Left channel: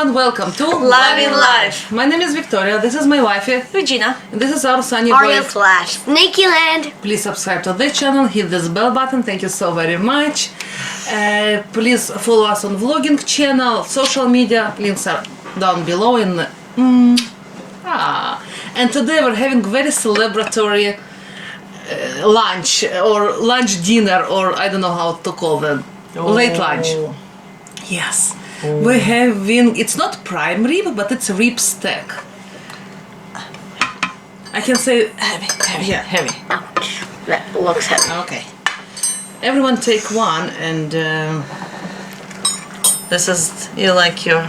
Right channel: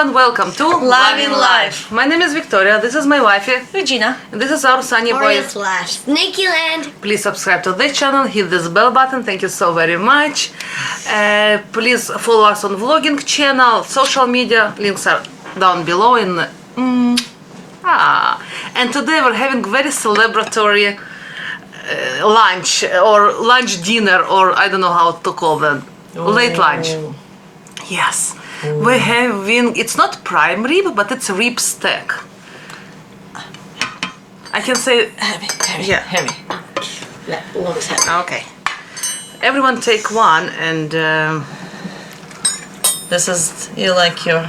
and welcome to Live in Life. My name is Victoria, this is my wifey, Regina. and this is our sunny Aria boy. slash Snakyland. Please subscribe to this channel, hit this bell button, thank you so very much. Please follow us on vlogging channel, social media, links are down below in... And today we're having very celebratory lunch, or lunch dinner, or I don't know how to call them. Late lunch. Yes. We're having, it's not prime rib, but it's rib steak. I can say... Heavy. Yeah. Heavy. Ouch. That looks heavy. Okay. Everyone take one and... This is, you like your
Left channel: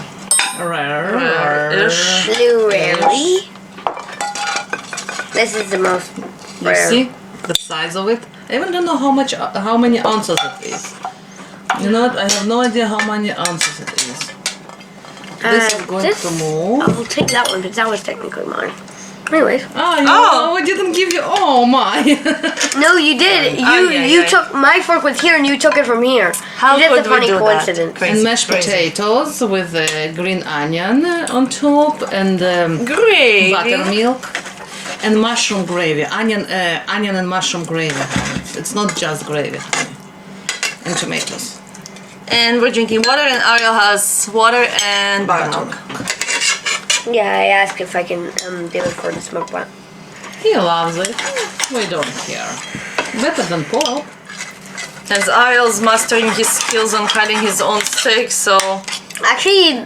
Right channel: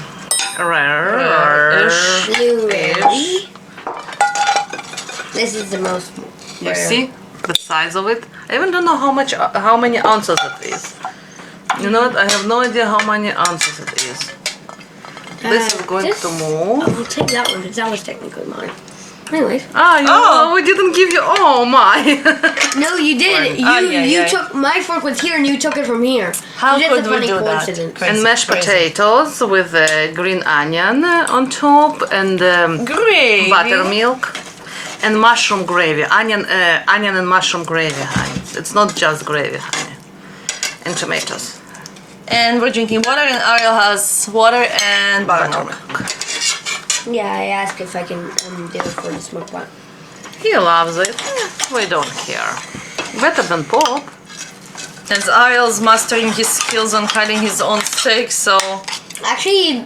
rare-ish. Blueberry. This is the most You rare. see the size of it? I even don't know how many ounces it is. You know what? I have no idea how many ounces it is. This is going to move. I'll take that one because that was technically mine. Anyways. We didn't give you. Oh my! No, you did. You took my fork was here and you took it from here. How That's could a we funny do coincidence. that? And mashed potatoes with green onion on top and Gravy. buttermilk and mushroom gravy. Onion and mushroom gravy, honey. It's not just gravy, honey. And tomatoes. And we're drinking water, and Ariel has water and buttermilk. Yeah, I asked if I can do it for the Muk-bang. He loves it. We don't care. Better than pork. As Ariel's mastering his skills on cutting his own steak, so... Actually,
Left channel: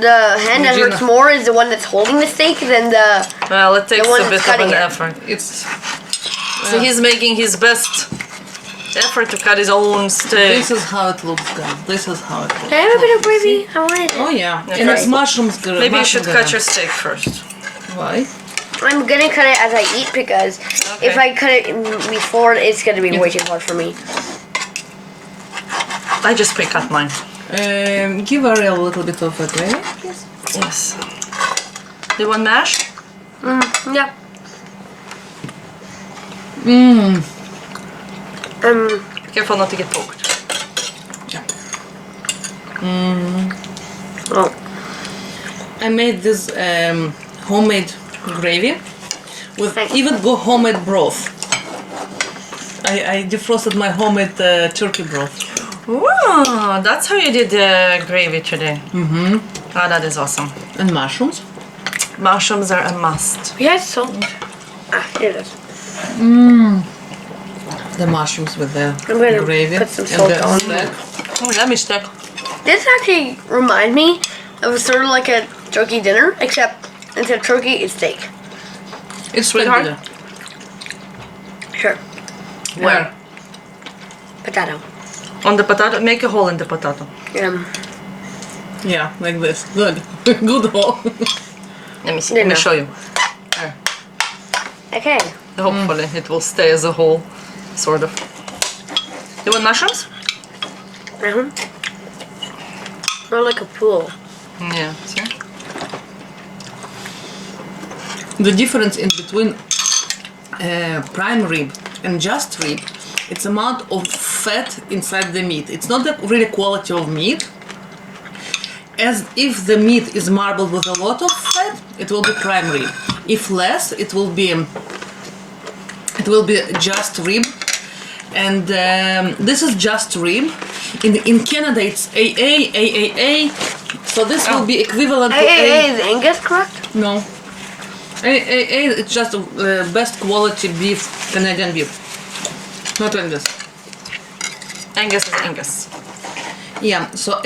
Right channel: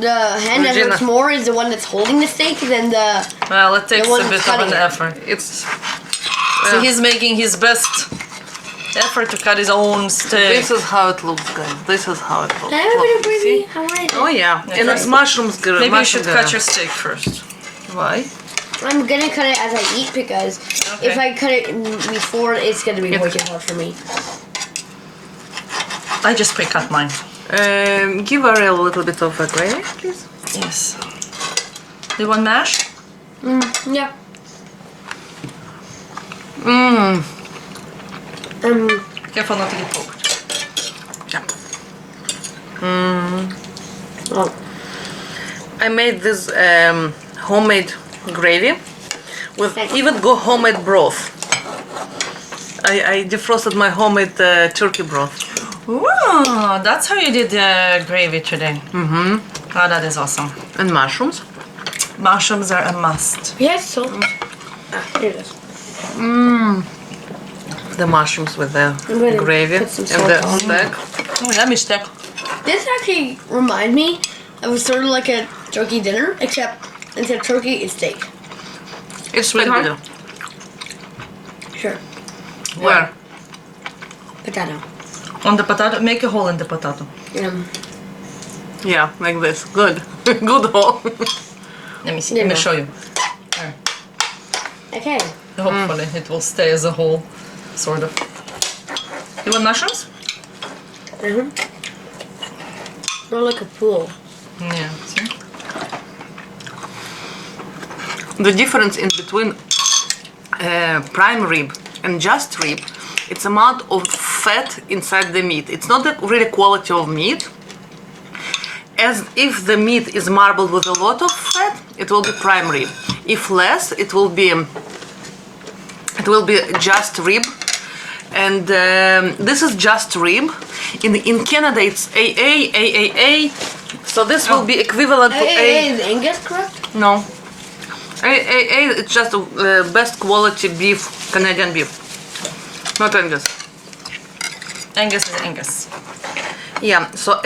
the hand that hurts more is the one that's holding the steak than the... Well, it takes one a bit that's of an cutting it. effort. It's So he's making his best effort to cut his own steak. this is how it looks, guys. This is how it looks. Can I have a bit of gravy? I want it. Oh yeah, Yeah, and try it's it. mushrooms. Maybe you should cut your steak first. Why? I'm gonna cut it as I eat because Okay. if I cut it before, it's gonna be way too hard for me. I just pre-cut mine. Give Ariel a little bit of a gravy, please. Yes. Do you want mash? Yeah. Careful not to get poked. Yeah. Oh. I made this homemade gravy with even homemade broth. I defrosted my homemade turkey broth. Wow, that's how you did the gravy today. Mm-hmm. Oh, that is awesome. And mushrooms. Mushrooms are a must. We had salt. Here it is. The mushrooms with the I'm gonna gravy put some and the salt on. steak. Oh, let me stick. This actually reminds me of sort of like a turkey dinner, except instead of turkey, it's steak. It's really Sweetheart? good. Sure. Where? Potato. On the potato, make a hole in the potato. Yeah, like this. Good. Good hole. Let me see. There Let me you go. show you. There. Okay. Hopefully it will stay as a whole, sort of. You want mushrooms? More like a pool. Yeah, see? The difference in between prime rib and just rib, it's amount of fat inside the meat. It's not the really quality of meat. As if the meat is marbled with a lot of fat, it will be prime rib. If less, it will be just rib. And this is just rib. In Canada, it's AAA. So this will be equivalent to Hey, is Angus correct? No. AAA, it's just best quality beef, Canadian beef. Not Angus. Angus is Angus. Yeah, so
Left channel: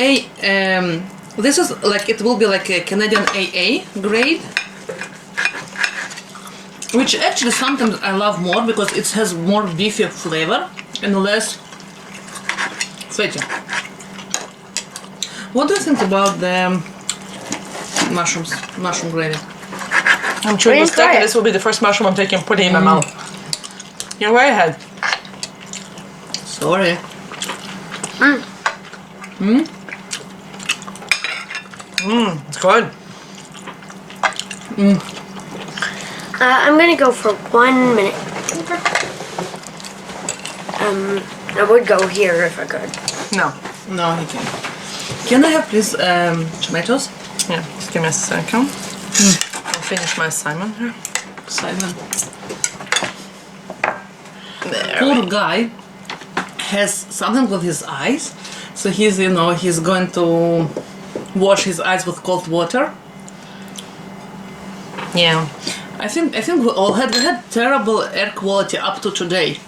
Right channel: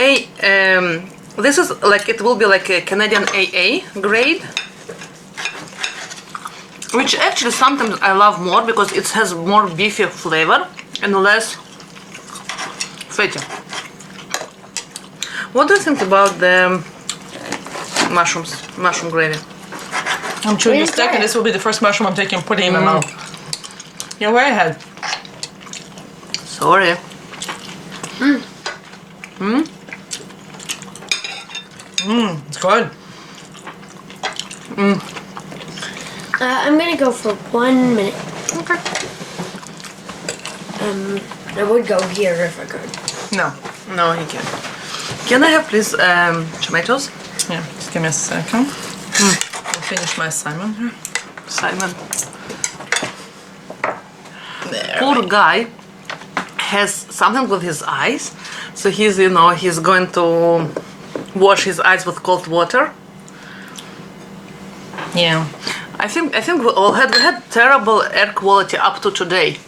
this is like, it will be like a Canadian AA grade. Which actually sometimes I love more because it has more beefy flavor and less fatty. What do you think about the mushroom gravy? I'm chewing the didn't steak, try and it. this will be the first mushroom I'm taking and putting in my mouth. You're way ahead. Sorry. It's good. I'm gonna go for 1 minute. I would go here if I could. No. No, he can't. Can I have please tomatoes? Yeah, just give me a second. I'll finish my assignment here. Simon. There. Poor guy has something with his eyes, so he's he's going to wash his eyes with cold water. Yeah. I think we had terrible air quality up to today.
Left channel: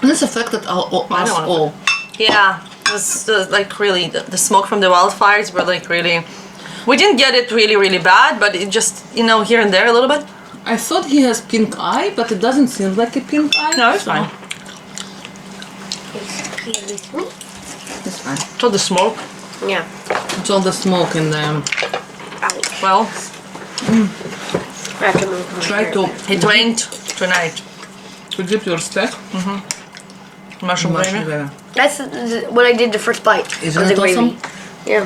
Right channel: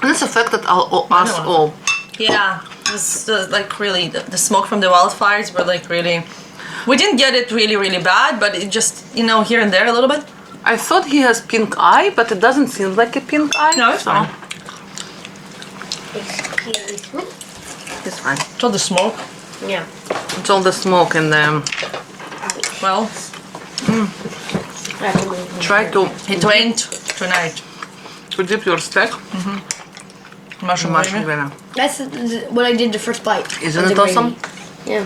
And this affected us all. Yeah. It was like really the smoke from the wildfires were like really. We didn't get it really, really bad, but it just here and there a little bit. I thought he has pink eye, but it doesn't seem like a pink eye. No, it's fine. It's fine. It's all the smoke. Yeah. It's all the smoke and Ouch. Well, I have to move from try here. to it rained tonight. dip your steak. Mushroom gravy. Gravy. That's what I did the first bite. Isn't was it the gravy. awesome? Yeah.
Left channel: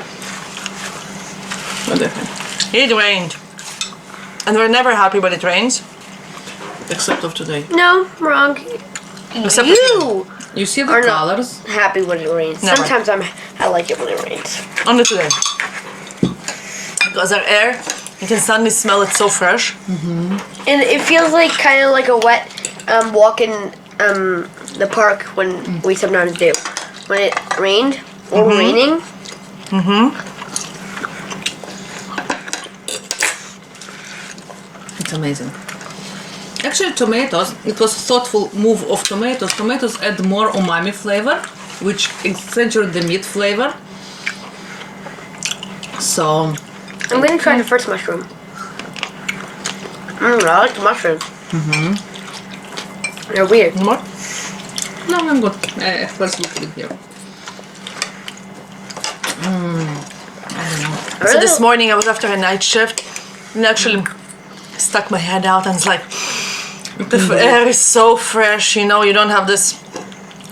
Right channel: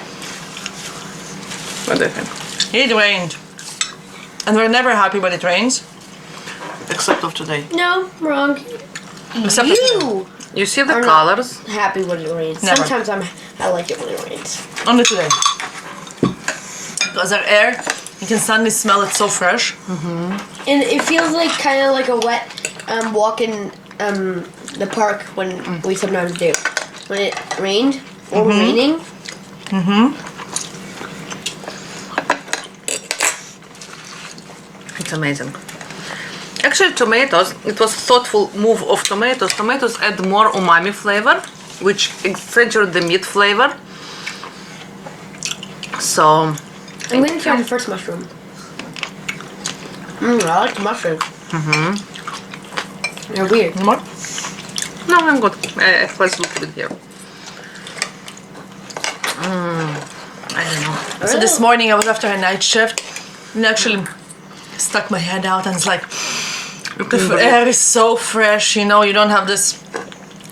What do you think? It rained. And we're never happy when it rains. Except of today. No, wrong. Except for You You see the are not colors? happy when it rains. Never. Sometimes I like it when it rains. Only today. Because our air, you can suddenly smell it so fresh. And it feels like kind of like a wet walk in the park when we sometimes do. When it rained or raining. It's amazing. Actually, tomatoes, it was thoughtful move of tomatoes. Tomatoes add more umami flavor, which accentuate the meat flavor. So, I'm gonna try the first mushroom. I like the mushrooms. They're weird. More? no, I'm good. I first look at it here. I don't know. So this morning I was after a night shift and actually stuck my head out and it's like, the air is so fresh, you don't have this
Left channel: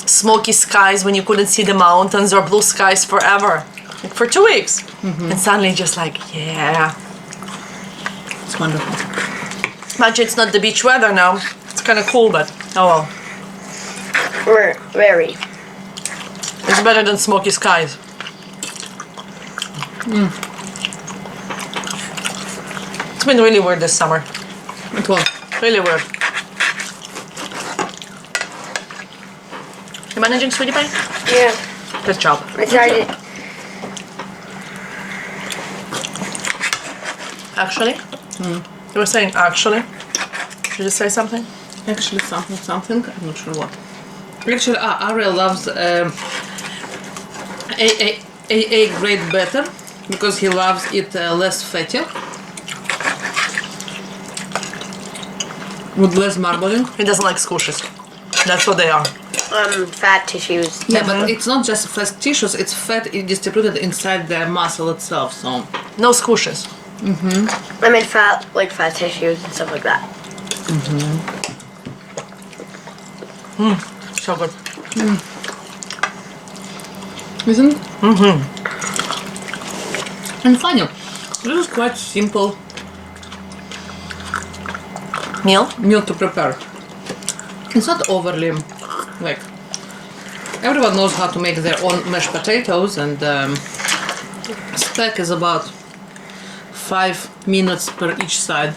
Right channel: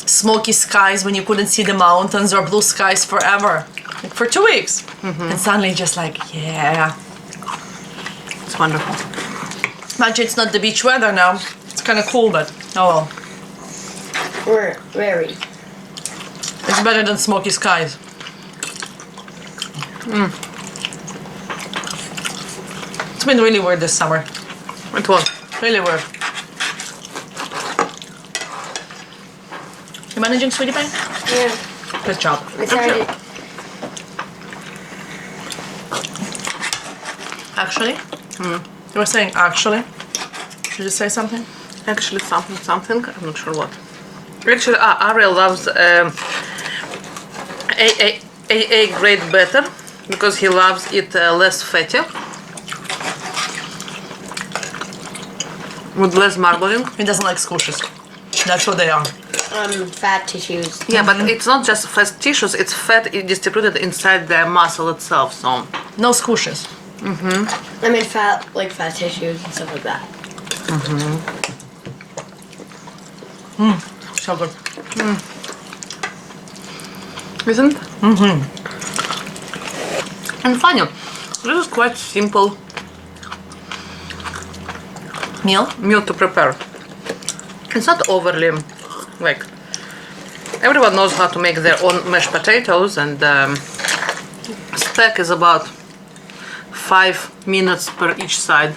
smoky skies when you couldn't see the mountains or blue skies forever. Like for 2 weeks. And suddenly just like, yeah. It's wonderful. Imagine it's not the beach weather now. It's kind of cool, but oh well. Very. It's better than smoky skies. It's been really weird this summer. It was. Really weird. You managing, sweetie pie? Yeah. Good job. I tried it. Actually? You were saying actually? Did you say something? Actually, something. I'm not sure what. Actually, Ariel loves AA grade better because he loves it less fatty. With less marbling. He doesn't like squishes. That's what they are. Fat tissues. Yeah, but it's not just fat tissues, it's fat distributed inside the muscle itself, so. No squishes. I meant fat, like fat tissues and stuff like that. So good. Isn't? And funny, this is quite simple Meal? to prepare. It's not overly, like, everyone knows how to make their own mashed potatoes, and steak is about 5 minutes per each side.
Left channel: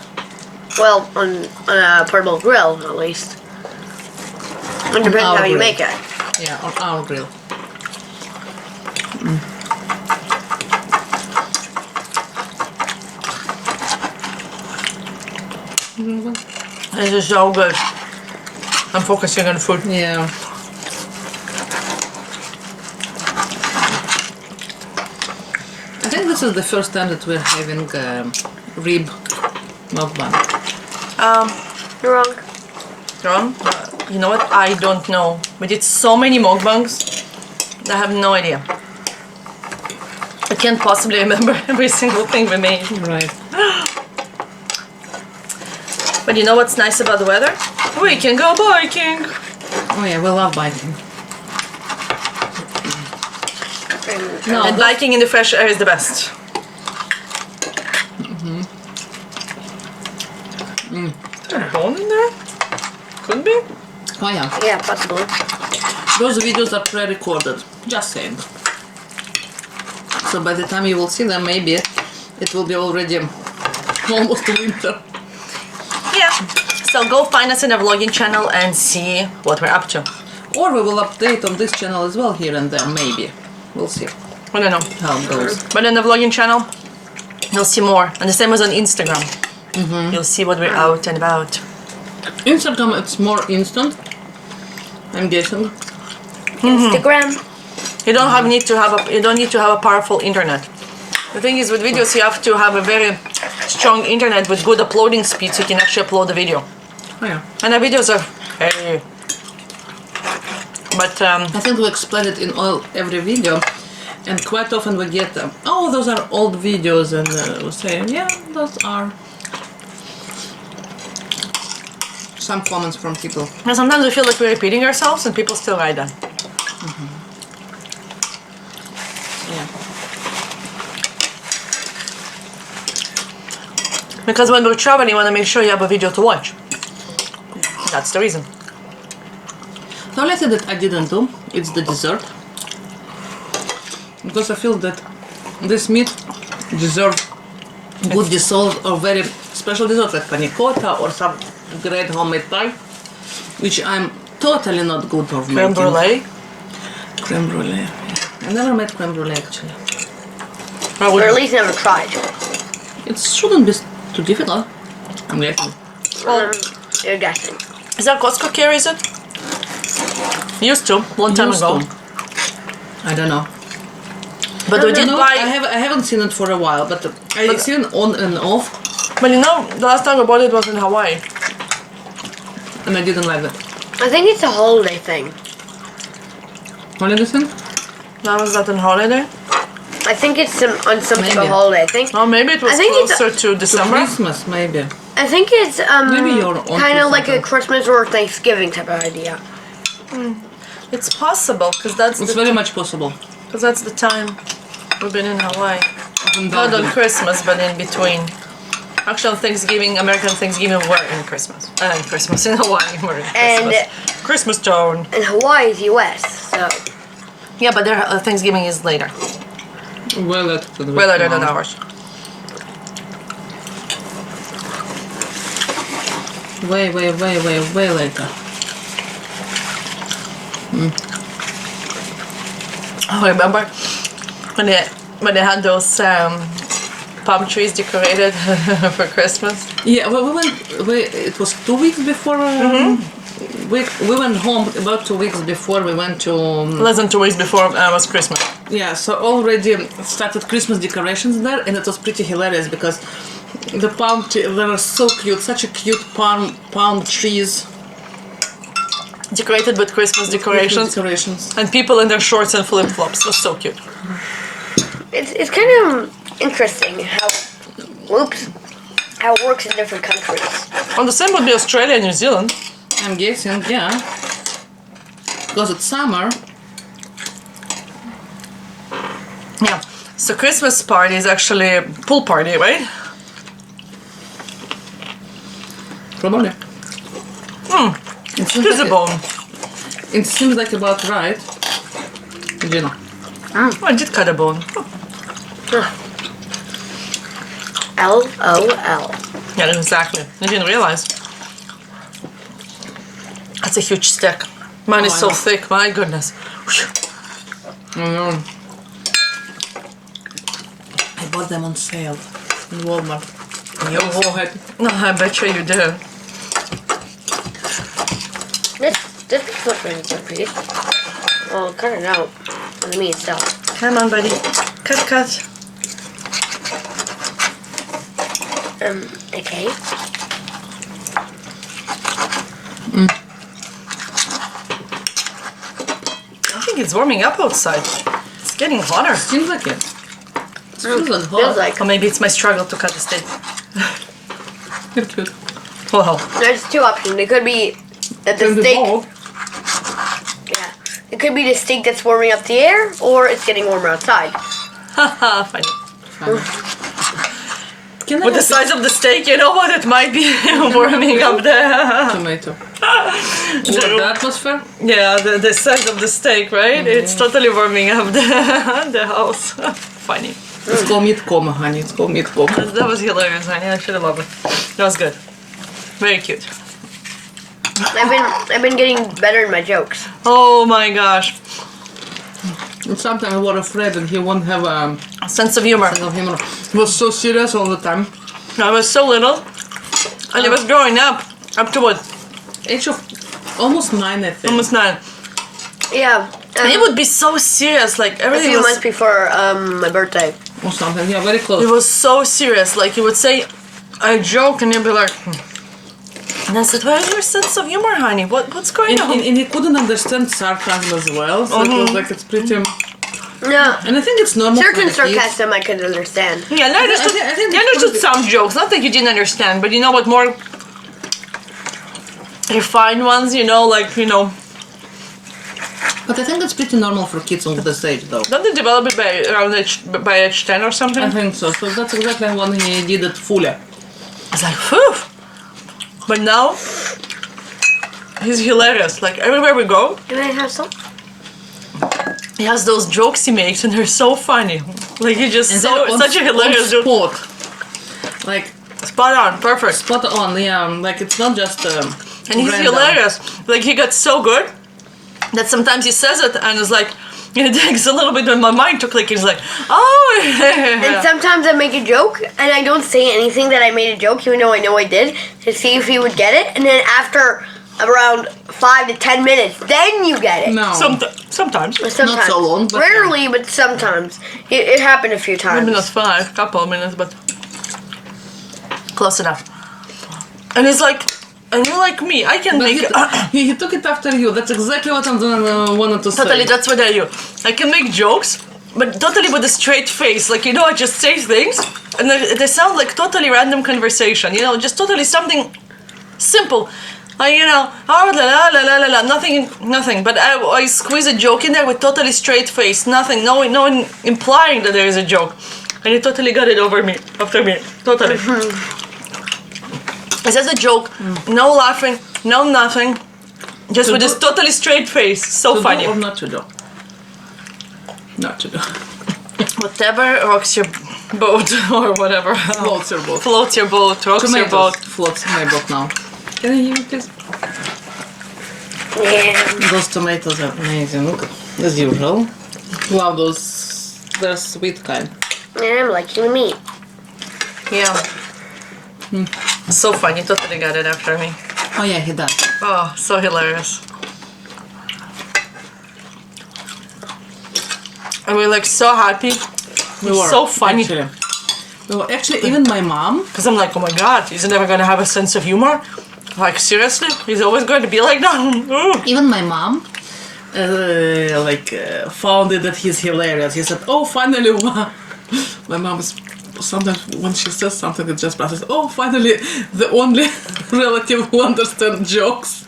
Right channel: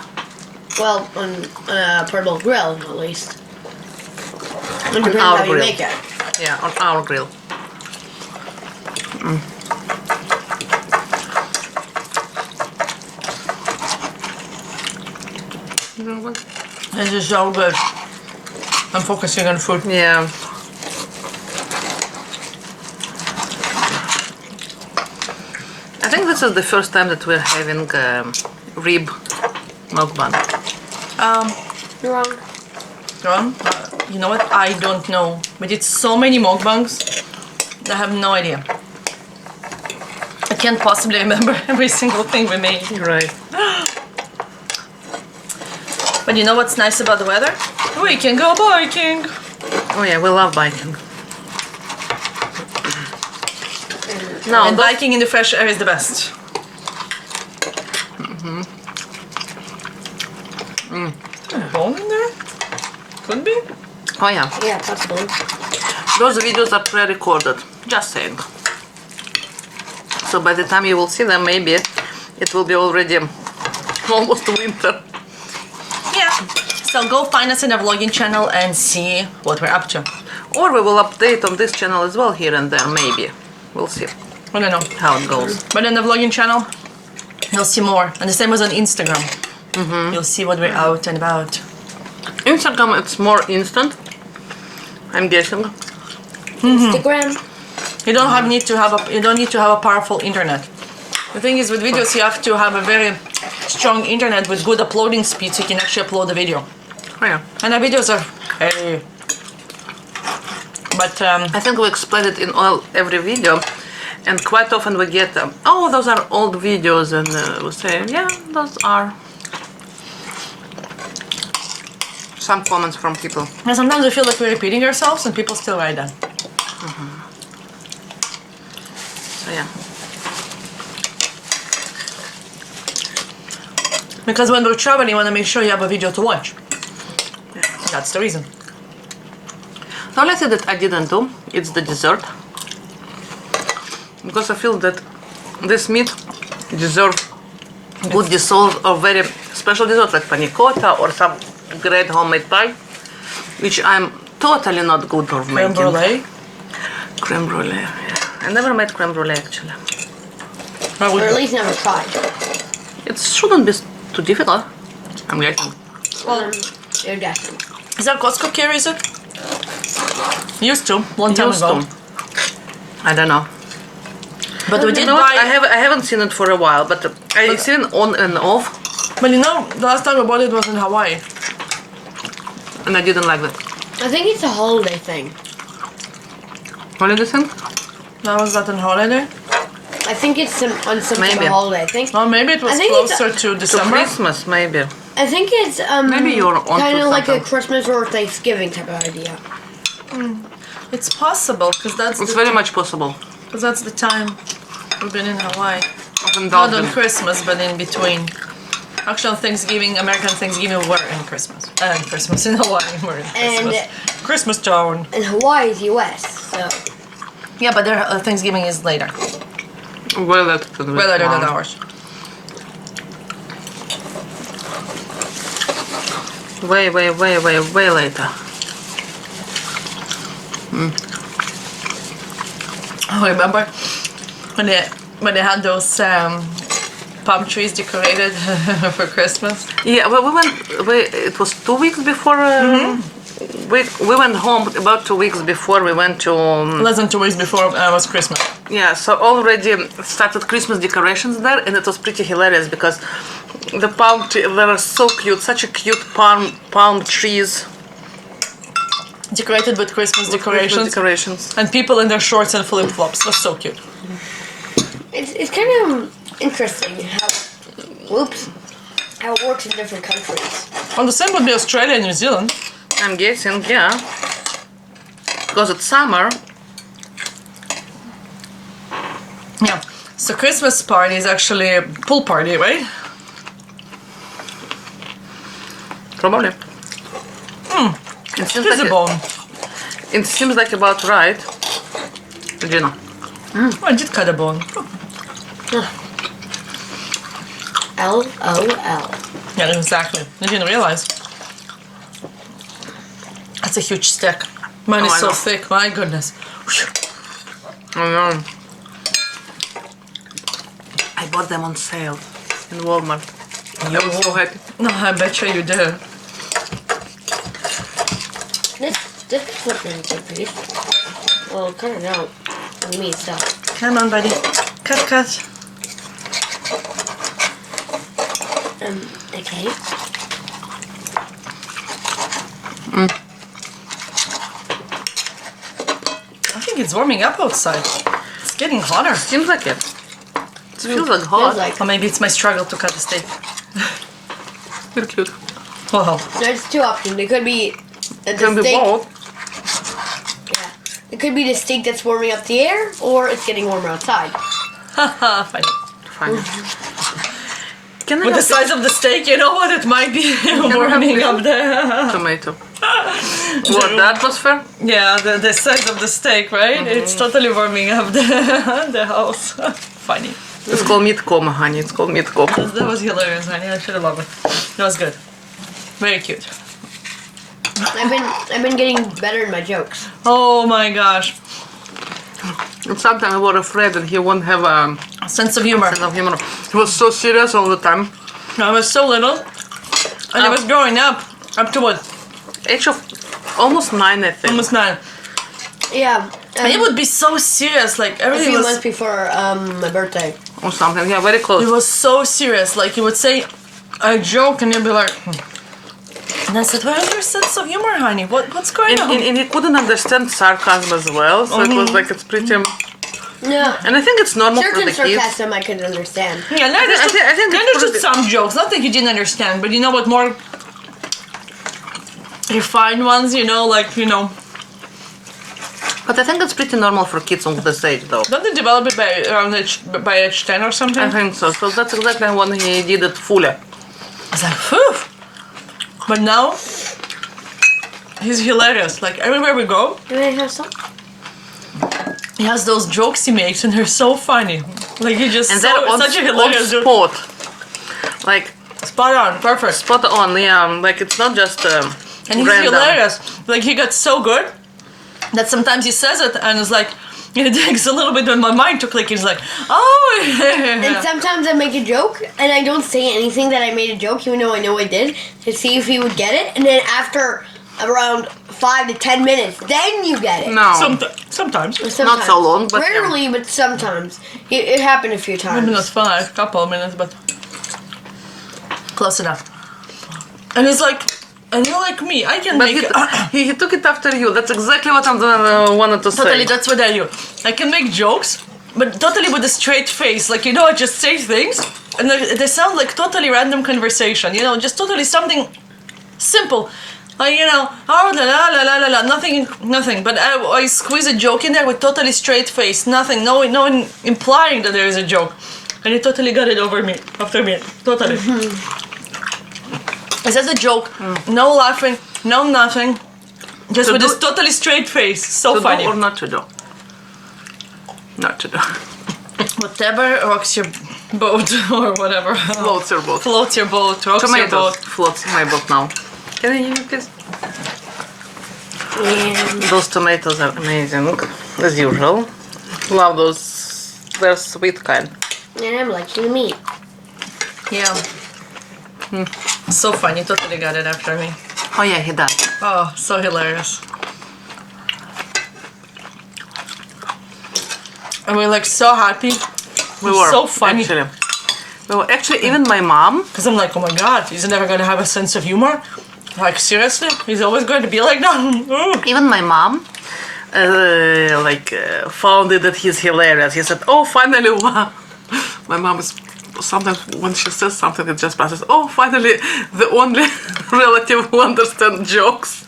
Well, on a portable grill, at least. It depends our how you grill. make it. Yeah, on our grill. This is so good. I'm focusing on food. Yeah. I think this is the first time that we're having rib mukbang. You're wrong. Ron, you know what? I don't know. We did so many mukbangs. I have no idea. I can't possibly remember every single thing we made. Right. But you know what's nice about the weather? We can go biking. Oh yeah, we love biking. No, And biking in the fresh air is the best. Is there a bone in there? Could be. oh yeah, Yeah, possible. those videos are pre-recorded. Just saying. So by the time you will see them, maybe it will be already almost winter. Yeah. So go find us in our vlogging channel and see what we're up to. Or we will update on this channel as well here and there, maybe. We'll see I don't know. how it goes. But on the vlogging channel, you'll see more. And the same as on Instagram. You'll see what we're out and about. Instagram, it's more instant, I'm guessing. Instagram. You don't need to have a powerful internet. The thing is, with videos, you have to have a very strong internet with good uploading speed, so you can actually upload the video. Oh, yeah. And our videos are very. But I think we explain it in every video, and quite often we get, oh, those are old videos, and we say, yeah, those are. Some comments from people. and sometimes we feel like we're repeating ourselves, and people still write that. Yeah. Because when we're traveling, you want to make sure you have a video to watch. That's the reason. The only thing that I didn't do is the dessert, because I feel that this meat deserves good dessert or very special dessert like panna cotta or some great homemade pie, which I'm totally not good for Creme making. brulee. Creme brulee. Yeah. I never made creme brulee actually. Or Or at least never tried. It shouldn't be too difficult. I'm guessing. well, You're guessing. is that Costco carries it? Used to, long time Used ago. to. I don't know. But we did No, buy. I haven't seen it for a while, but I've seen it on and off, But you know, the last time we bought it was in Hawaii. and I didn't like that. I think it's a holiday thing. What did you think? That was that on holiday. I think it's on some type Maybe. of holiday. I think. Or maybe it was I think it's closer to To December. Christmas, maybe. I think it's Maybe you're onto kind of like a something. Christmas or Thanksgiving type of idea. It's possible because It's very much possible. the time we've been in Hawaii. Not on Indulgent. Christmas, but in between. Actually, on Thanksgiving, American Thanksgiving, we're in Christmas. Christmas in Hawaii, we're in Christmas. Christmas town. And Hawaii is U.S. So Yeah, but their Thanksgiving is later. Well, later than Way later than ours. Way later. Oh, remember when they had those palm trees decorated for Christmas? Yeah, well, it was 2 weeks before. We went home about 2 weeks before we went to. Less than 2 weeks before was Christmas. Yeah, so already started Christmas decorations there, and it was pretty hilarious because the palm tree, they were so cute, such a cute palm trees. Decorated with Christmas decorations. Decorations. And people in their shorts and flip flops. Was so cute. it's kind of interesting how it works in different countries. And the same would be Australia and New Zealand. I'm guessing, yeah. Because it's summer. Yeah. So Christmas party is actually a pool party, right? Probably. It seems, It is a bone. it seems like about right. You know. Oh, I did cut a bone. LOL. Yeah, exactly. I didn't realize. That's a huge stick. Mine is I so know. thick, my goodness. I know. I bought them on sale in Walmart. I was so happy. No, I bet you did. This looks really so pretty. Oh, cut it out. For me itself. Come on, buddy. Cut. Okay. I think it's warming up outside. It's getting hotter. Seems like it. It feels like hot. Feels like Or maybe it's my struggle to cut the steak. You're cute. Well, there's two options. It could be that the Can be steak. both. Yeah. It could be the steak that's warming up the air, or it's getting warmer outside. haha, funny. Fine. Can I With the have size of the steak, you know what? It might be warming up there. tomato? What, the atmosphere? Yeah, the size of the steak, right? It's totally warming up the house. Funny. It's called meat coma, honey. It's called meat coma. That was hilarious, honey. I should have loved it. That was good. Very cute. I've been getting better in my jokes. Oh my gosh. And sometimes I was afraid that he won't have a Sense of humor. sense of humor. He was so serious all the time. I was so little. And it was growing up to what? Age of almost 9, I think. Almost 9. Yeah. And it would be so serious, like a everything few was... months before my birthday. Or something. Yeah, very close. It was so serious. Like, you would say a joke and you'd be like... And I said, where's your sense of humor, honey? What's going on? And he couldn't understand sarcasm as well, so it was like it's pretty. No. And I think it's normal Certain for the kids. sarcasm I could understand. Yeah, and I understood, I think I it's understood pretty- some jokes. Not that you didn't understand, but you know what, more refined ones, you know, like, you know. But I think it's pretty normal for kids on this age, though. Don't they develop it by around age 10 or something? I think so. So that's exactly when he did it fully. It's like, whew. But now, he's hilarious. Like, everywhere we go, Can I have some? he has those jokes he makes, and they're so funny. Like, he just And they're on, such a hilarious joke. spot. Like Spot on, perfect. spot on. Yeah, like it's not just. And he's random. hilarious. Like, he got so good that sometimes he says it, and it's like, it takes a little bit when my mind took, like, he's like, oh, And yeah. sometimes I make a joke and I don't say anything that I made a joke, even though I know I did, to see if he would get it. And then after around 5 to 10 minutes, then you get it. No. Sometimes. Sometimes. so long, but Rarely, but sometimes. It happened a few times. Maybe not 5, couple of minutes, but close enough. And it's like, and you're like me, I can But make... he took it after you. That's exactly what I'm wanted to say. Totally, that's what I do. I can make jokes, but totally with a straight face. Like, you know, I just say things, and they sound like totally random conversation. You know, just totally something simple. Like, you know, oh, la la la la la la, nothing. But I squeeze a joke in there with totally straight face, nothing, no implying that there is a joke. And he totally got it after me, totally. It says a joke, no laughing, no nothing, just To with this do- totally straight face. So To do funny. or not to do? Not to do. Whatever rocks your boat or whatever. Floats your boat. Floats your boat, rocks your boat. Floats my boat now. Can I hear you, please? Yeah. Those tomatoes are amazing, as usual. Love those. They're sweet kind. And I'm liking meat. Yeah. So funny, totally got it after me. Oh yeah, he does. Oh, so hilarious. And we're like so happy. We were So funny. Actually. Well, actually, even my mom. Because I'm like, oh my god, he's never gonna have a sense of humor. Like, seriously? He's always going to be like that? Even my mom. Found it that he's hilarious. He said, "Oh, finally!" My mom is sometimes when she says something, it just passes. Oh, finally, the only relative who understands jokes.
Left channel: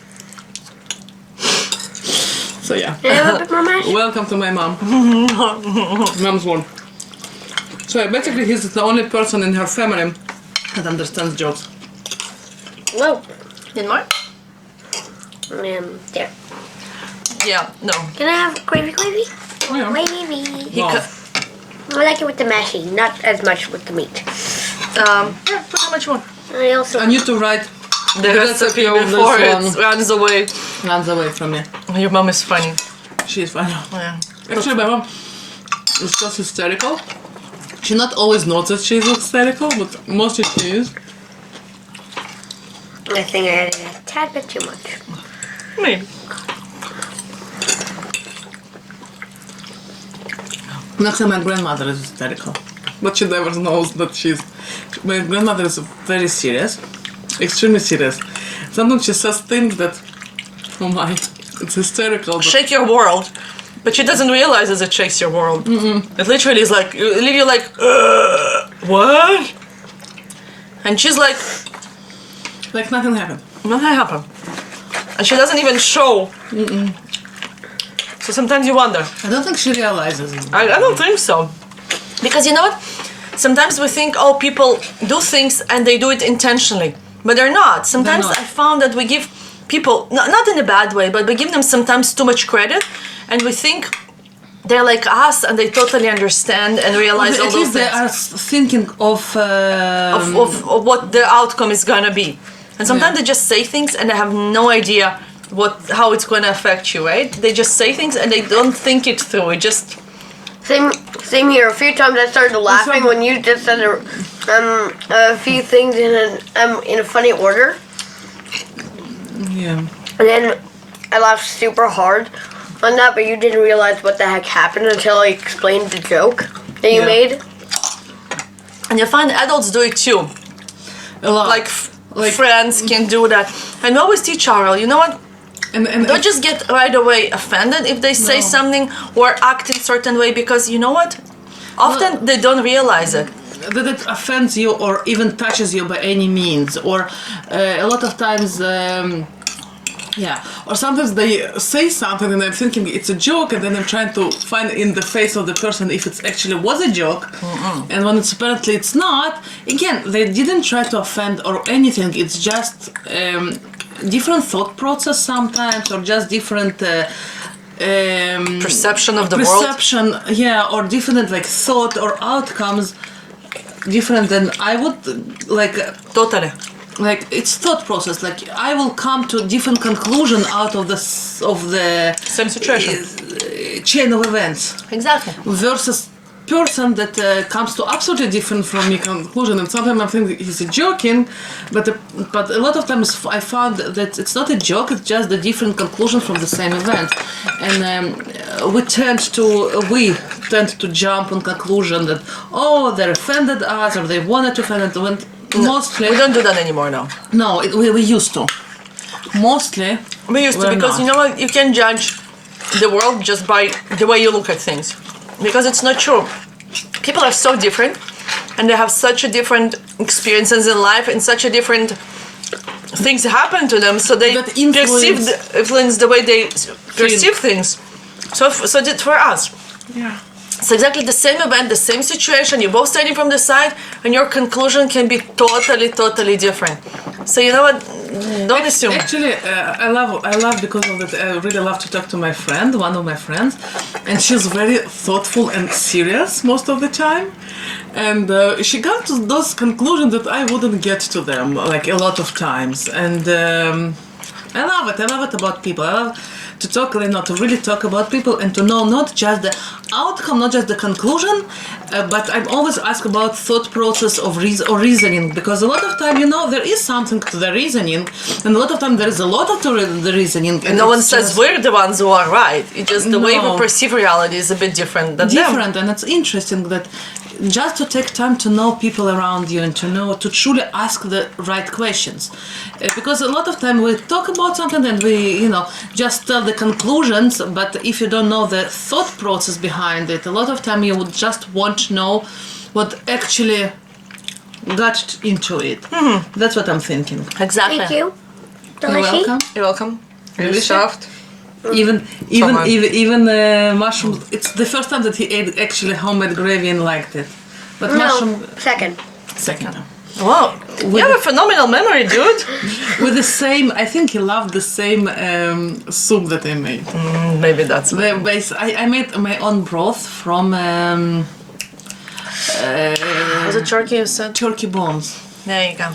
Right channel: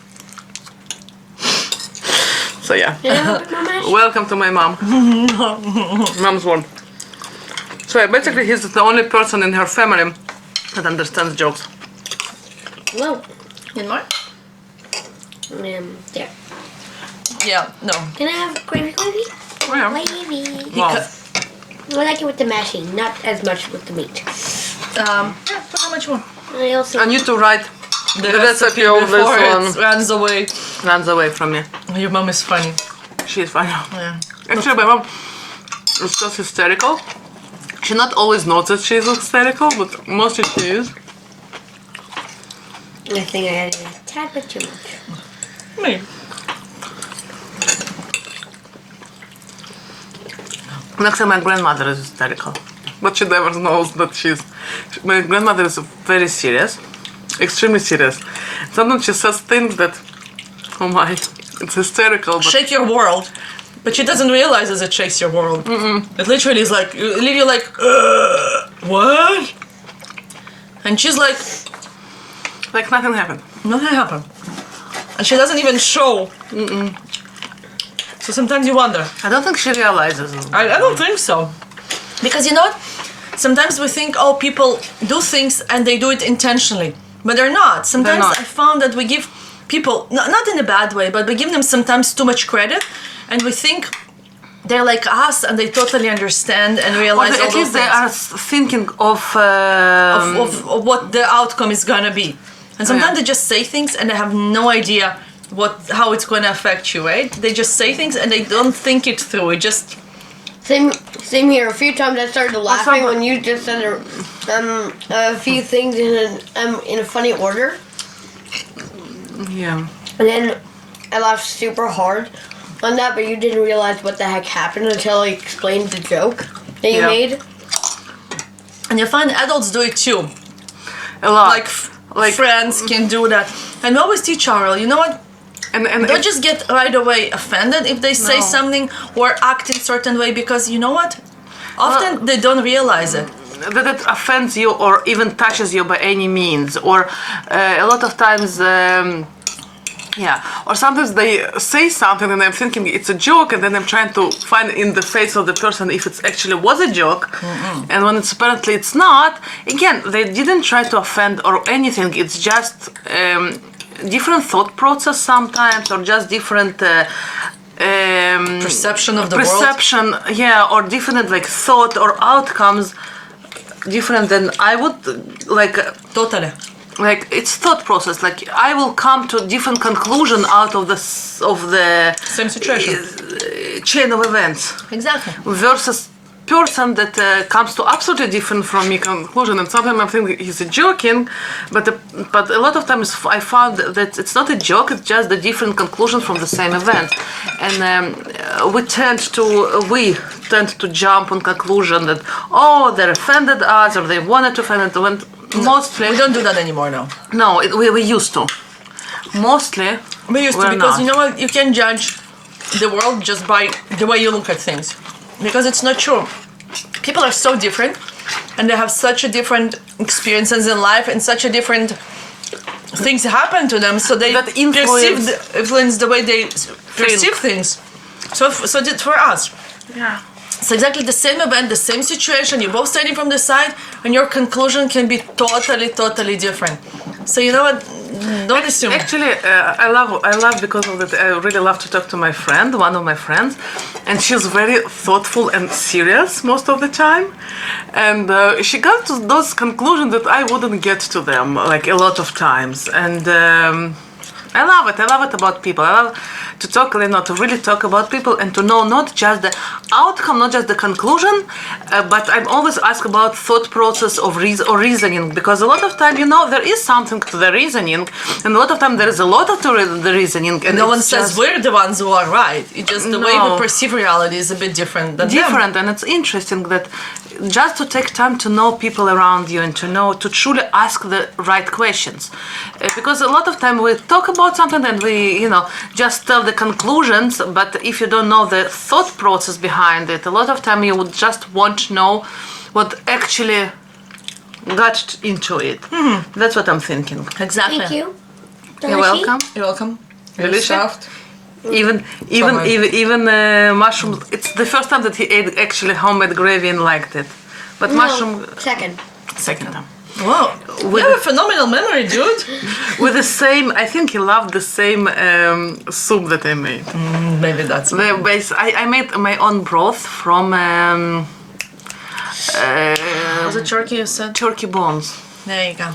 So yeah, welcome to my mom. Mom's one. So yeah, basically, he's the only person in her family that understands jokes. Whoa. In more? There. Yeah, no. Can I have gravy? Oh yeah. Gravy. He Wow. cut, I like it with the mashing, not as much with the meat. yeah, put how much you want. I also. I need to write The recipe of this before it one. runs away. runs away from me. Your mom is funny. She's fine. Yeah. Actually, my mom is just hysterical. She not always knows that she's hysterical, but mostly she is. I think I added a tad bit too much. Maybe. Actually, my grandmother is hysterical, but she never knows that she's. My grandmother is very serious, extremely serious. Sometimes she says things that, oh my, it's hysterical. But Shake your world. But she doesn't realize as it shakes your world. It literally is like, you leave you like, what? And she's like, like nothing happened. nothing happened. And she doesn't even show. So sometimes you wonder. I don't think she realizes. I don't think so. Because you know what? sometimes we think, oh, people do things and they do it intentionally, but they're not. Sometimes not. I found that we give people, not in a bad way, but we give them sometimes too much credit, and we think they're like us and they totally understand and realize all At those least they things are thinking of of what the outcome is gonna be. And sometimes they just say things and they have no idea how it's gonna affect you, right? They just say things and they don't think it through. It just Same here. A few times I started laughing when you just said a few things in a funny order, yeah. and then I laughed super hard on that, but you didn't realize what the heck happened until I explained the joke that you Yeah. made. and you find adults do it too. A lot. Like friends can do that. And we always teach Ariel, you know what? and Don't just get right away offended if they say something or act in certain way, because you know what? Often they don't realize it. that it offends you or even touches you by any means, or a lot of times or sometimes they say something and I'm thinking it's a joke, and then I'm trying to find in the face of the person if it actually was a joke. And when it's apparently it's not, again, they didn't try to offend or anything. It's just different thought process sometimes, or just different Perception of the world. or different like thought or outcomes different than I would like. Totally. Like it's thought process. Like I will come to different conclusion out of the Same situation. Chain of events Exactly. versus person that comes to absolutely different from me conclusion. And sometimes I think he's joking, but a lot of times I found that it's not a joke. It's just a different conclusion from the same event, and we tend to jump on conclusion that they're offended us or they wanted to offend us. When mostly We don't do that anymore now. no, we used to. Mostly We used to, we're because not. you know what? You can judge the world just by the way you look at things. Because it's not true. People are so different and they have such a different experiences in life and such a different things happen to them, so they That influence the way they perceive things. So for us. Yeah. It's exactly the same event, the same situation. You're both standing from the side, and your conclusion can be totally different. So you know what? Don't assume. Actually, I love because of that. I really love to talk to my friend, one of my friends, and she's very thoughtful and serious most of the time. And she got to those conclusions that I wouldn't get to them, like a lot of times. And I love it. I love it about people. I love to talk, to really talk about people and to know not just the outcome, not just the conclusion, but I'm always asked about thought process of or reasoning, because a lot of time, there is something to the reasoning, and a lot of time there is a lot of the reasoning. And no one says we're the ones who are right. It's just the way we perceive reality is a bit different than them. And it's interesting that just to take time to know people around you and to truly ask the right questions, because a lot of time we talk about something and we just tell the conclusions, but if you don't know the thought process behind it, a lot of time you would just want to know what actually got into it. That's what I'm thinking. Exactly. Thank you. You're welcome. You're welcome. Really Delicious. soft. Even mushrooms. It's the first time that he ate actually homemade gravy and liked it. But mushroom Second. Wow. You have a phenomenal memory, dude. with the same. I think he loved the same soup that I made. Maybe that's The base. I made my own broth from Was it turkey you said? turkey bones. There you go.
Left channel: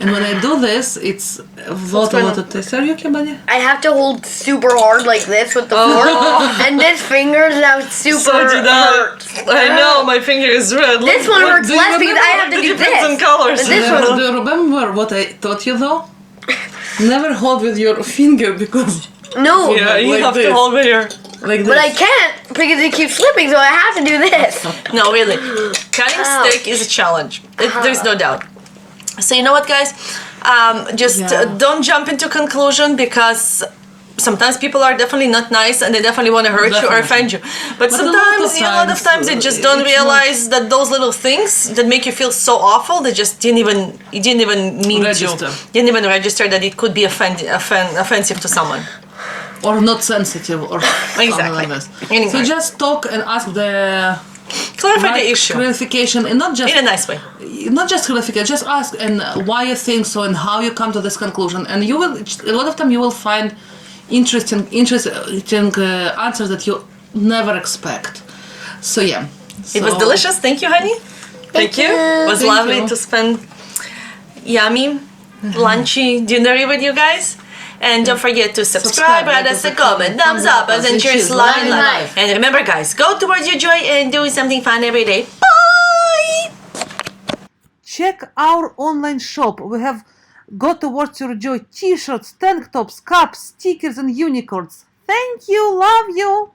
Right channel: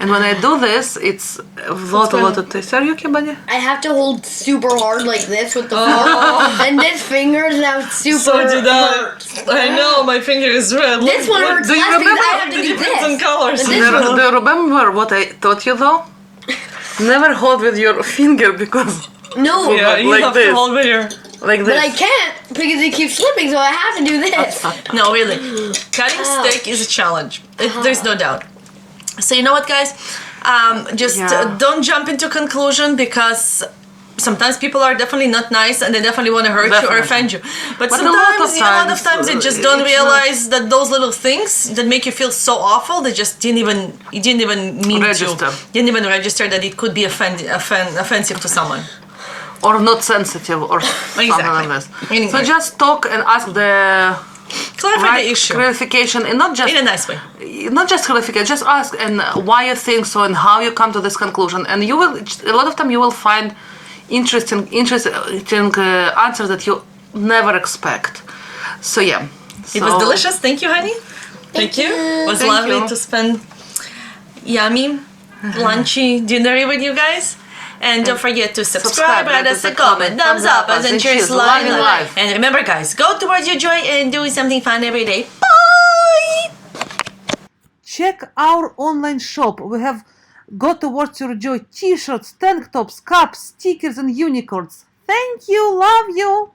And when I do this, it's a lot of taste. Are you okay, Banya? I have to hold super hard like this with the fork, and this finger is now super hurt. I know, my finger is red. This one hurts do you less because I have to the do difference this. in colors. And this one, Do you remember what I taught you though? Never hold with your finger because no, Yeah, you Like have this. to hold with your... like this. but I can't because it keeps slipping, so I have to do this. No, really. Cutting steak is a challenge. There's no doubt. So you know what, guys? Don't jump into conclusion, because sometimes people are definitely not nice and they definitely want to hurt you or offend you. But a sometimes, lot of of times they just don't it's realize that those little things that make you feel so awful, they just didn't even mean Register. to. Didn't even register that it could be offensive to someone. Or not sensitive or something Exactly. like this. Anyway. So just talk and ask the Clarify the issue. clarification, and not just In a nice way. not just clarification, just ask and why you think so and how you come to this conclusion, and you will a lot of time you will find interesting answers that you never expect. So yeah, It was delicious. Thank you, honey. Thank you. It was Thank lovely you. to spend yummy, lunchy dinner with you guys. And don't forget to subscribe, write us a comment, thumbs up, and cheers, love and life. And remember, guys, go towards your joy and do something fun every day. Bye! check our online shop. We have Go Towards Your Joy t-shirts, tank tops, cups, stickers, and unicorns. Thank you, love you.